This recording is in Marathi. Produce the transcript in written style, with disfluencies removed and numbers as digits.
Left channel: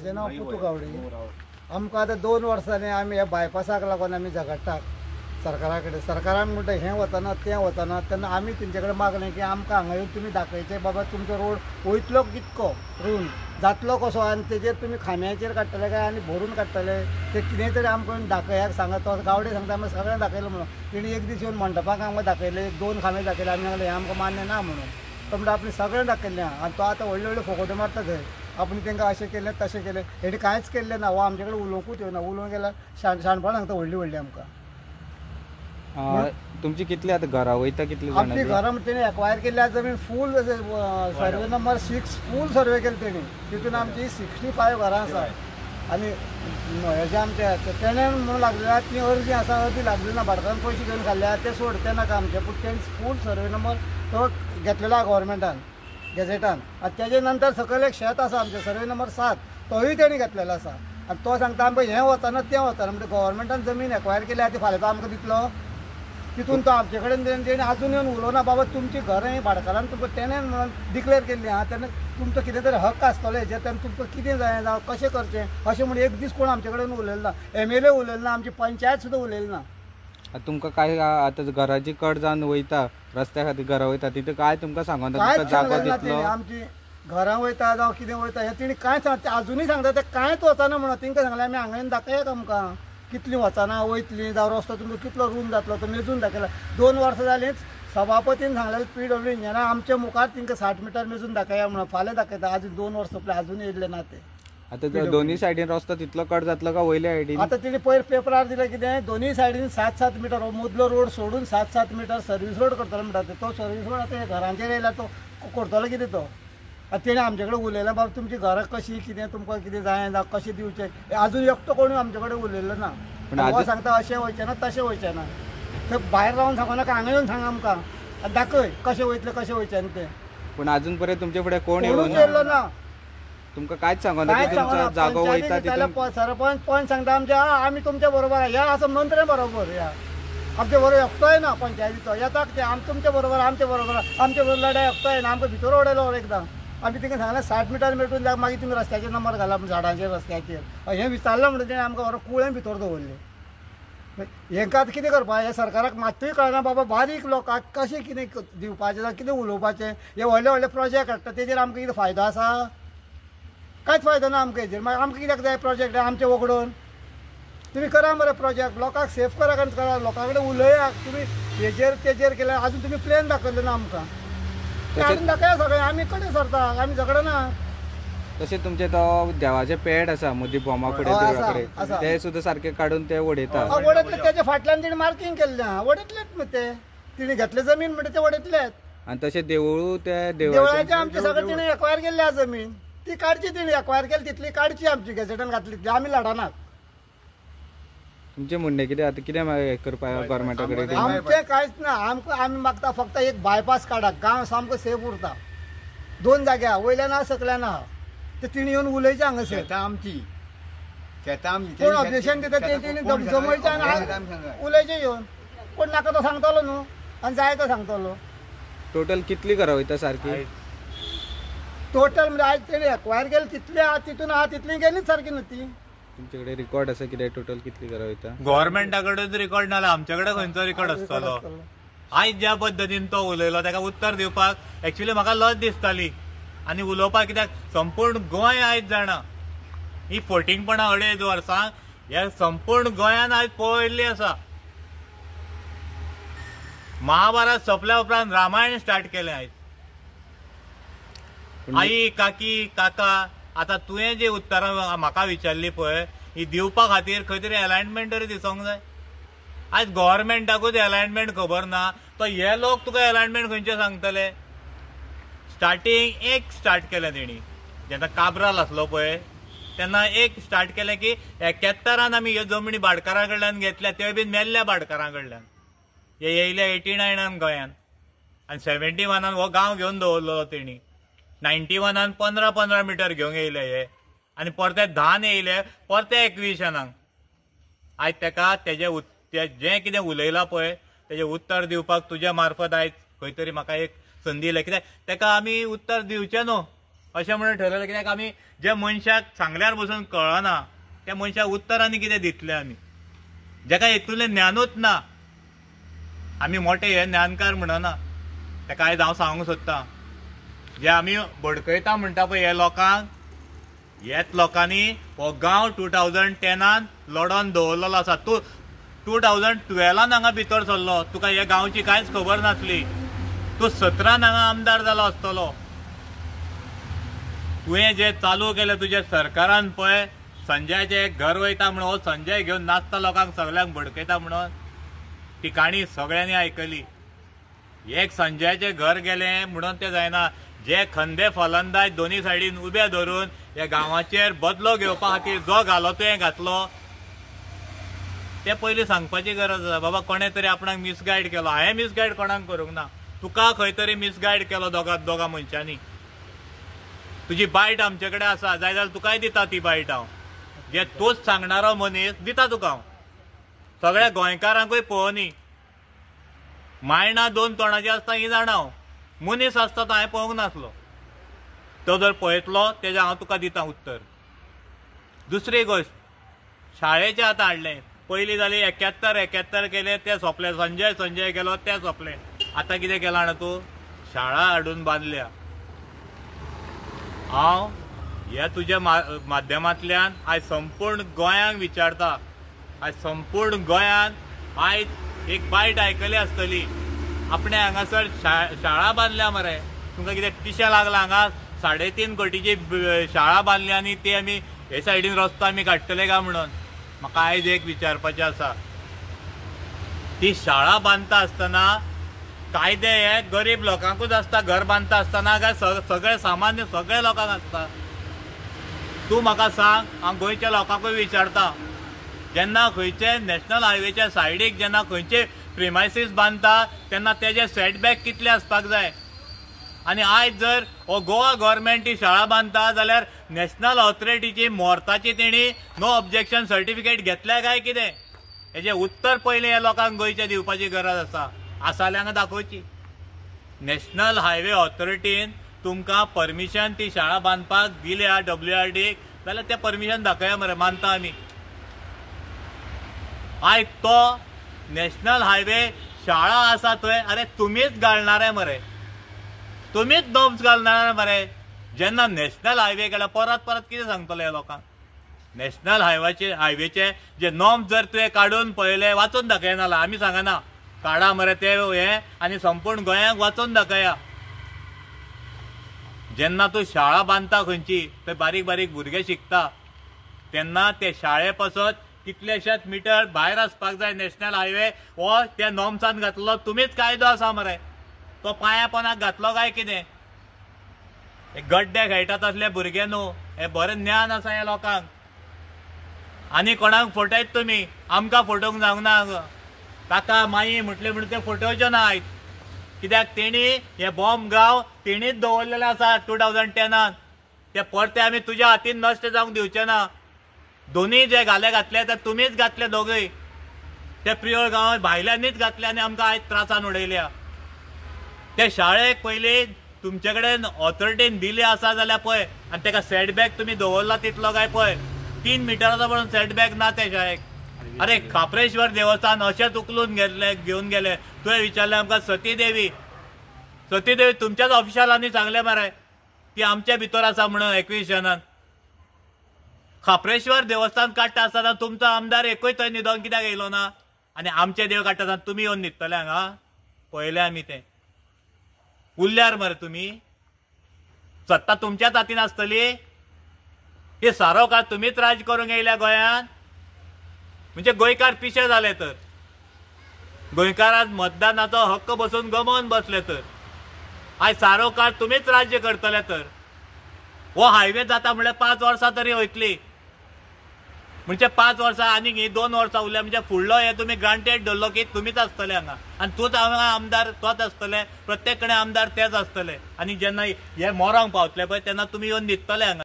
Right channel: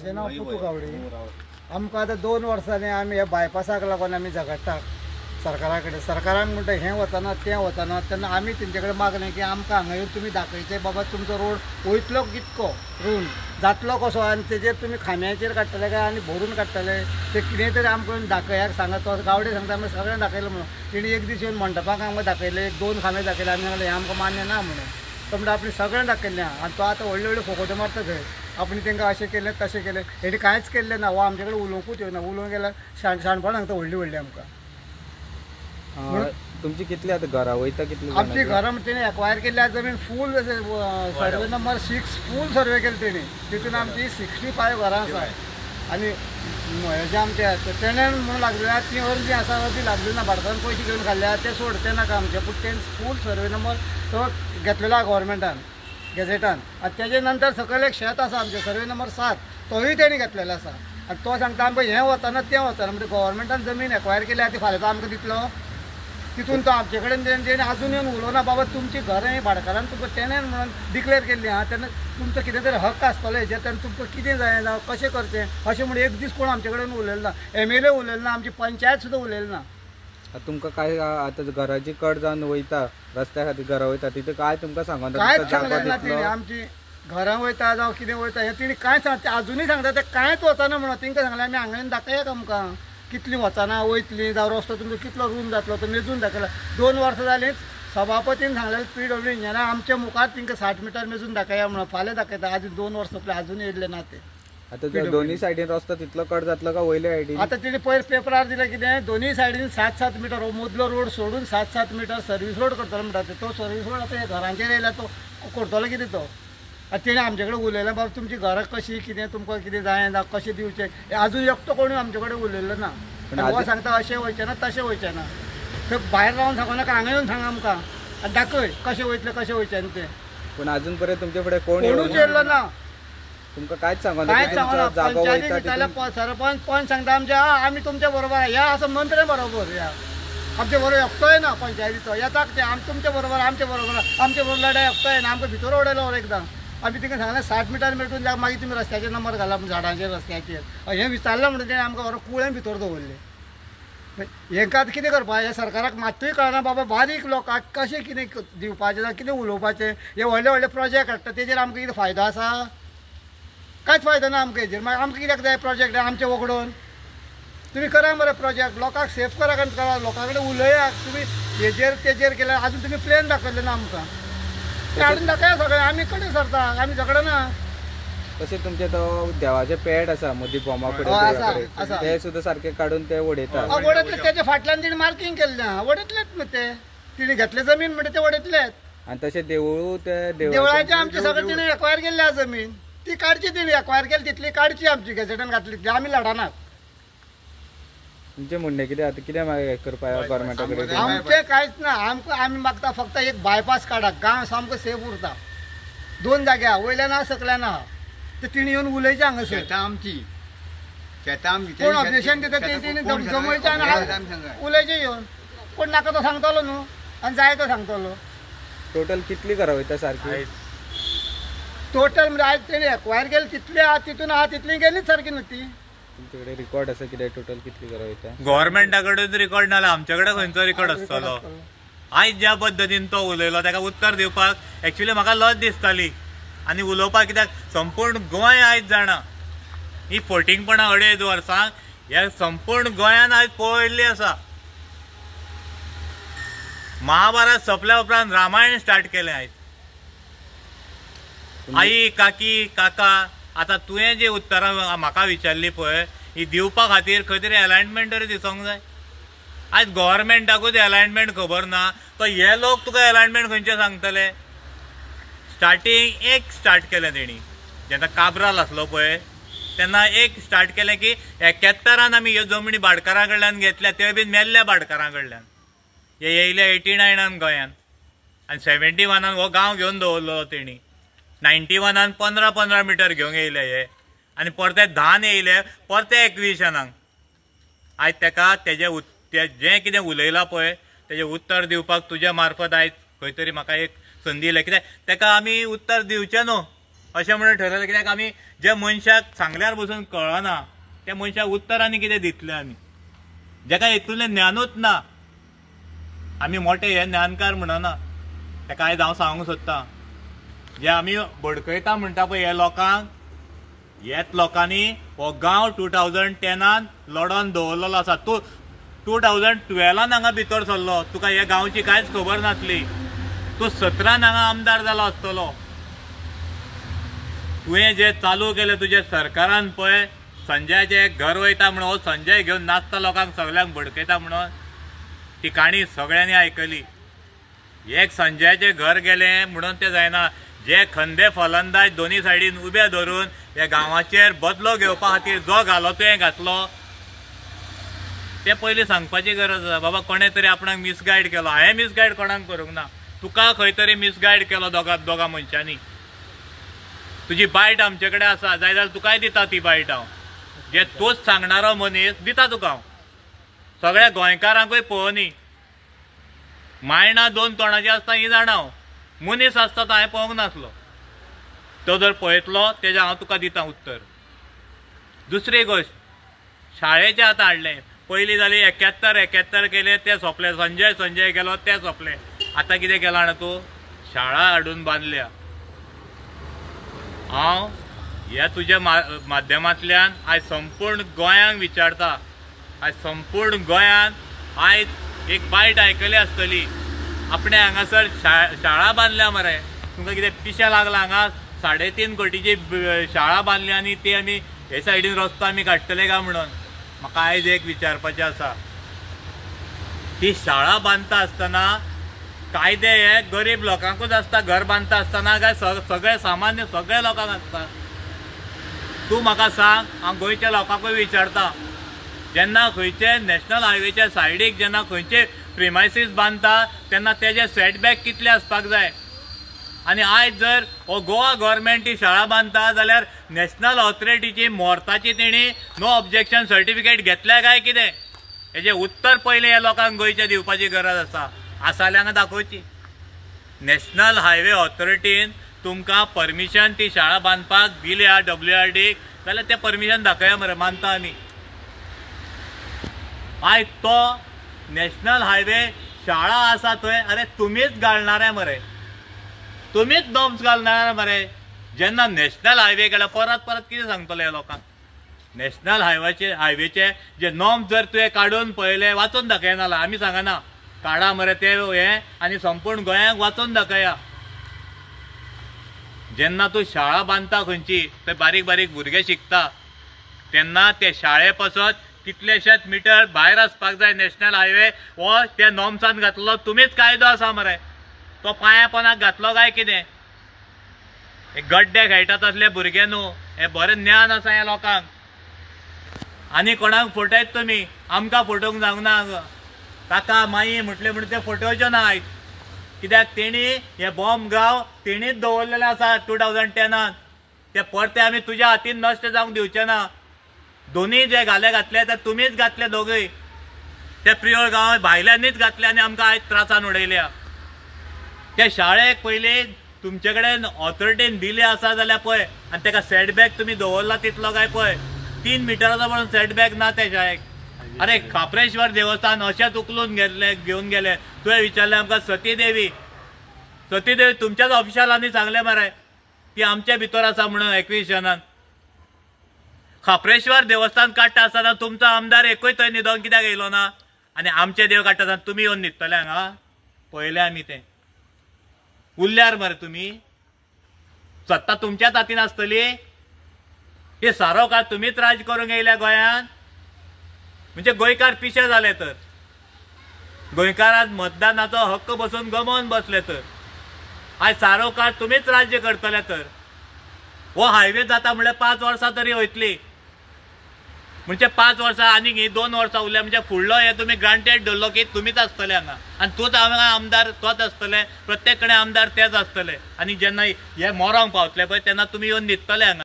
माझे नाव पुतू गावडे। आमकां आतां 2 वर्सांनी आमी ह्या बायपासाक लागून आमी झगडटात सरकारा कडेन। सरकारान म्हणटा हें वचना तें वचना, तेन्ना आमी तेंचे कडेन मागलें की आमकां हांगा येवन तुमी दाखयचें बाबा तुमचो रोड वयतलो कितको रून जातलो कसो आनी तेजेर तुमी खांब्याचेर काडटले काय आनी भरून काडटले ते कितें तरी आमकां दाखयाक सांगा। तो गावडे सांगता आमी सगळें दाखयलें म्हणून। तेणी एक दीस येवन मंडपाक आमकां दाखयलें, 1-2 खांबे दाखयले। आमी सांगलें हें आमकां मान्य ना म्हणून। तो म्हणटा आपणें सगळें दाखयलें आनी तो आतां व्हडले व्हडले फोकोटे मारता थंय। आपण तांकां अशें केलें तशें केलें, हेणी कांयच केल्लें ना। हो आमचे कडेन उलोवंकूच येवना, उलोवंक गेल्यार शाणपणां सांगता व्हडलीं व्हडलीं आमकां। तुमची कितली आतां घरां वयता कितली? आमची घरां तेणी एक्वायर केल्ल्या जमीन फूल सर्वे नंबर 6 फूल सर्वे केले तेणी। तितून आमची 65 घरां आसा आनी हेजे आमचे तेणें म्हणून लागलेल्या ती अर्जी आसा, अर्जी लागली ना, भाटकारान पयशे घेवन खाल्ल्या ते सोड तें नाका आमचे। पूण तेणी फूल सर्वे नंबर तो घेतलेलो आहा गव्हर्मेंटान गॅझेटान। आनी तेजे नंतर सकयल एक शेत आसा आमचे सर्वे नंबर 7 तोय तेणी घेतलेलो आसा। आनी तो सांगता आमकां हें वचना तें वचना, म्हणजे गव्हर्मेंटान जमीन एक्वायर केली आहा ती फाल्यां तो आमकां दितलो। तितून तो आमचे कडेन तेणी आजून येवन उलोवना बाबा तुमची घरां ही भाटकारान तुमकां टेनंट म्हणून डिक्लेअर केल्ली आहा, तेन्ना तुमचो कितें तरी हक्क आसतलो हेजेर, तेन्ना तुमकां कितें जाय जावं कशें करचें अशें म्हणून एक दीस कोण आमचे कडेन उलयलो ना। MLA उलयलो ना, आमची पंचायत सुद्दां उलयलो ना। तुमकां काय आतां घराची कट जावन वयता रस्त्या खातीर घरां वयता तितूं काय तुमकां सांगून कांयच सांगलेलें ना तेणी। आमची घरां वयता जावं कितें वयता हें तेणी कांयच सांगता, आजुनूय सांगता ते कांयच वचना म्हणून। तेंकां सांगलें आमी हांगा येवन दाखयात आमकां कितलीं वचना वयतलीं जावं रस्तो तुमचो कितलो रूम जातलो तो मेजून दाखयला। 2 वर्सां जालीं सभापतीन सांगलेलें PW इंजिनियरान आमच्या मुखार तेंकां 60 मिटर मेजून दाखया म्हणून। फाल्यां दाखयता, आजून 2 वर्सां जालीं आजून येयल्ले ना ते। आतां दोन्ही सायडीन रस्तो तितलो कट जातलो का वयल्या सायडीन? आतां तेणी पयर पेपरार दिलें कितें दोनूय सायडीन 7-7 मिटर मदलो रोड सोडून 7-7 मिटर सर्वीस रोड करतलो म्हणटा ते। तो सर्वीस रोड आतां घरांचेर येयला तो करतलो कितें तो? आतां तेणी आमचे कडेन उलयलें बाबा तुमची घरां कशीं कितें तुमकां कितें जाय जावं कशें दिवचें आजून एकटो कोणूय आमचे कडेन उलयल्लो ना। हो सांगता अशें वयचें ना तशें वयचें ना। थंय भायर रावन सांगो नाका, हांगा येवन सांग आमकां आनी दाखय कशें वयतलें कशें वयचें तें। पूण आजून पर्यंत तुमचे फुडें कोणूच येयल्लो ना, तुमकां कांयच सांगना। कांयच सांगना। पंचायती सरपंच पंच सांगता आमचे आमी तुमच्या बरोबर या असं मंत्र्या बरोबर या आमचे बरोबर एकटोय ना पंचायतीचो येतात ते आमी तुमच्या बरोबर आमचे बरोबर लढाय एकटोय ना। आमकां भितर उडयलो एकदां आमी तिका सांगलें 60 मिटर मेटून जा मागीर तुमी रस्त्याचेर नंबर घाला झाडांचेर रस्त्याचेर हें विचारलें म्हणटा तेणें आमकां बरो कुळें भितर दवरलें। हेंकां आतां कितें करपाचें? हे सरकाराक मात्तूय कळना बाबा बारीक लोकांक कशें कितें दिवपाचें जावं कितें उलोवपाचें। हे व्हडले व्हडले प्रोजेक्ट हाडटा तेजेर आमकां कितें फायदो आसा? कांयच फायदो ना आमकां हेजेर। मागीर आमकां कित्याक जाय प्रोजेक्ट आमचे वगडून? तुमी करा मरे प्रोजेक्ट, लोकांक सेफ करा करा, लोकां कडेन उलयात। तुमी हेजेर तेजेर केल्यार आजून तुमी प्लॅन दाखयले ना आमकां, ते हाडून दाखया सगळें। आमी कडेन सरता, आमी झगडना। तशें तुमचे तो देवाचे पेड आसा मदीं बोमा कडेन ते सुद्दां सारके काडून ते उडयता। उडयतले तेच्या फाटल्यान तेणी मार्कींग केल्लें आहा, उडयतलेच न्हू ते। तिणी घेतले जमीन म्हणटा ते उडयतलेच। आनी तशें देवूळ ते देवळाचे आमचे सगळें तिणी एक्वायर केल्ली आहा जमीन, ती काडची तिणी एक्वायर केली तितली काडची आमची गॅझेटान घातली आमी लढनात। तुमचें म्हणणें कितें आतां कितें करपा गव्हर्मेंटा कडेन? आमचें कांयच ना, आमी मागता फक्त एक बायपास काडात, गांव सामको सेफ उरता। 2 जाग्या वयल्यान आहा सकल्यान आहा, तर तिणी येवन उलयचें हांगासर आमची कोण ऑब्जेक्शन दिता तेणी जमयचें आनी उलयचें येवन। कोण नाका तो सांगतलो न्हू आनी जाय तो सांगतलो। टोटल कितली घरां वयता सारकी? टोटल म्हणजे आयज तेणी एक्वायर केली तितली आहा, तितून आहा तितली गेलीच सारकी न्हू ती। तुमचे कडेन रिकॉर्ड आसा कितें टोटल कितली घरां वयता? गव्हर्मेंटा कडेन रिकॉर्ड नाल्यार आमचे कडेन खंयचो रिकॉर्ड आसतलो? आयज ज्या पद्दतीन तो उलयलो ताका उत्तर दिवपाक एक्चुअली म्हाका लज दिसताली आनी उलोवपाक, कित्याक संपूर्ण गोंय आयज जाणा ही फटींगपणां 2.5 वर्सां ह्या संपूर्ण गोंयान आयज पळयल्ली आसा। महाभारत सोंपल्या उपरांत रामायण स्टार्ट केलें आयज। आई काकी काका आतां तुवें जी उत्तरां म्हाका विचारली पळय ही दिवपा खातीर खंय तरी अलायनमेंट तरी दिसोंक जाय। आयज गव्हर्मेंटाकूच अलायनमेंट खबर ना, तो हे लोक तुका अलायनमेंट खंयचे सांगतले? स्टार्टींग एक स्टार्ट केलें तेणी जेन्ना काब्राल आसलो पळय तेन्ना एक स्टार्ट केलें की 71 आमी ह्यो जमनी भाटकारां कडल्यान घेतल्या, त्यो बीन मेल्ल्या भाटकारां कडल्यान। हे येयले 89 गोंयान आनी 71 हो गांव घेवन दवरलो तेणी। 91 15-15 मिटर घेवंक येयले हे आनी परते 10 येयले परते 21 आयज तेका तेजें जें कितें उलयलां पळय तेजें उत्तर दिवपाक तुज्या मार्फत आयज खंय तरी म्हाका एक संदी दिल्या, कित्याक तेका आमी उत्तर दिवचें न्हू। अशें म्हणून ठरयलें कित्याक आमी जे मनशाक सांगल्यार बसून कळना त्या मनशाक उत्तर आनी कितें दितले आमी जेका हेतूंतलें ज्ञानूच ना आमी मोठे हे ज्ञानकार म्हणना तेका आयज हांव सांगूंक सोदतां जे आमी भडकयता म्हणटा पळय हे लोकांक हेच लोकांनी हो गांव 2010 लढोन दवरलेलो आसा तूं 2012 हांगा भितर सरलो तुका हे गांवची कांयच खबर नासली तूं 17 हांगा आमदार जालो आसतलो तुवें जे चालू केलें तुज्या सरकारान पळय संजयाचे घर वयता म्हणून हो संजय घेवन नाचता लोकांक सगळ्यांक भडकयता म्हणून ती काणी सगळ्यांनी आयकली एक संजयाचे घर गेलें म्हणून तें जायना जे खंदे फलंदाज दोनी सायडीन उबे धरून ह्या गांवाचेर बदलो घेवपा खातीर जो घालो तुवें घातलो ते पयलीं सांगपाची गरज आसा बाबा कोणें तरी आपणाक मिसगायड केलो हांवें मिसगायड कोणाक करूंक ना तुका खंय तरी मिसगायड केलो दोगा मनशांनी तुजी बायट आमचे कडेन आसा जाय जाल्यार तुकाय दिता ती बायट हांव जे तूच सांगणारो मनीस दिता तुका हांव सगळ्या गोंयकारांकूय पळोवनी मायणा 2 तोंडाची आसता ही जाणा हांव मनीस आसता तो हांवें पळोवंक नासलो तो जर पळयतलो तेजें हांव तुका दिता उत्तर दुसरी गोश्ट शाळेचें आतां हाडलें पयलीं जाली 71 केले ते सोंपले संजय गेलो ते सोंपले आतां कितें केलां जाणा तूं शाळा हाडून बांदल्या हांव ह्या तुज्या माध्यमांतल्यान आयज संपूर्ण गोंयांक विचारता आयज संपूर्ण गोंयान आयज एक बायट आयकली आसतली आपणे हांगासर शाळा बांदल्या मरे तुमकां कितें पिशें लागलां हांगा 3.5 कोटीची शाळा बांदली आनी ती आमी हे सायडीन रस्तो आमी काडटले काय म्हणून म्हाका आयज एक विचारपाचें आसा ती शाळा बांदता आसतना कायदे हे गरीब लोकांकूच आसता घर बांदता आसतना काय सगळे सामान्य सगळे लोकांक आसता तूं म्हाका सांग हांव गोंयच्या लोकांकूय विचारता जेन्ना खंयचे नॅशनल हायवेच्या सायडीक जेन्ना खंयचे प्रिमायसीस बांदता तेन्ना तेजे सेटबॅक कितले आसपाक जाय आनी आयज जर हो गोवा गव्हर्मेंट ही शाळा बांदता जाल्यार नॅशनल ऑथॉरिटीची मोर्ताची तेणी नो ऑब्जेक्शन सर्टिफिकेट घेतल्या काय कितें हेजें उत्तर पयलें हे लोकांक गोंयच्या दिवपाची गरज आसा जाल्यार हांगा दाखोवची नॅशनल हायवे ऑथॉरिटीन तुमकां परमिशन ती शाळा बांदपाक दिल्या WRDक जाल्यार तें परमिशन दाखया मरे मानता आमी आयज तो नॅशनल हायवे शाळा आसा थंय अरे तुमीच घालणारे मरे तुमीच नॉर्म्स घालणारे मरे जेन्ना नॅशनल हायवे गेला परत कितें सांगतले ह्या लोकांक नॅशनल हायवेचे जे नॉर्म्स जर तुवें काडून पळयले वाचून दाखयना आमी सांगना काडा मरे ते हे आनी संपूर्ण गोंयांक वाचून दाखया जेन्ना तूं शाळा बांदता खंयची थंय बारीक बारीक भुरगे शिकता तेन्ना ते शाळे पासत कितलेशेच मिटर भायर आसपाक जाय नॅशनल हायवे हो त्या नॉर्म्सान घातलो तुमीच कायदो आसा मरे तो पांया पोंदाक घातलो काय कितें हे गड्डे खेळटात असले भुरगे न्हू हे बरें ज्ञान आसा ह्या लोकांक आनी कोणाक फटयत तुमी आमकां फटोवंक जावंक ना काका माई म्हटले म्हणून ते फटोवचे ना आयज कित्याक तेणी हे बॉम्ब गांव तेणीच दवरलेले आसा 2010 ते परते आमी तुज्या हातीन नश्ट जावंक दिवचे ना दोनी जे घातले ते तुमीच घातले दोगूय ते प्रियोळ गांव भायल्यांनीच घातले आनी आमकां आयज त्रासान उडयल्या ते शाळेक पयलीं तुमचे कडेन ऑथॉरिटीन दिले आसा जाल्यार पळय आनी तेका सेटबॅक तुमी दवरला तितलो काय पळय 3 मिटराचो म्हणून सेटबॅक ना त्या शाळेक अरे खापरेश्वर देवस्थान अशेंच उखलून घेवन गेले तुवें विचारलें आमकां सतीदेवी तुमच्याच ऑफिशलांनी सांगलें मरे ती आमच्या भितर आसा म्हणून एक्विशनान खापरेश्वर देवस्थान काडटा आसतना तुमचो आमदार एकूय थंय न्हिदोन कित्याक येयलो ना आनी आमचे देव काडटा आसतना तुमी येवन न्हिदतले हांगा पळयलें आमी तें उरल्यार मरे तुमी सत्ता तुमच्याच हातीन आसतली हे सारो काळ तुमीच राज करूंक येयल्या गोंयांत म्हणजे गोंयकार पिशे जाले तर गोंयकारांक मतदानाचो हक्क बसून गमोवन बसले तर आयज सारो काळ तुमीच राज्य करतले तर हो हायवे जाता म्हणल्यार 5 वर्सां तरी वयतली म्हणजे 5 वर्सां आनीक ही 2 वर्सां उरल्या म्हणजे फुडलो हे तुमी ग्रांटेड धरलो की तुमीच आसतले हांगा आनी तूंच हांगा आमदार तोच आसतले प्रत्येक कडेन आमदार तेच आसतले आनी जेन्ना हे मोरांक पावतले पळय तेन्ना तुमी येवन न्हिदतले हांगा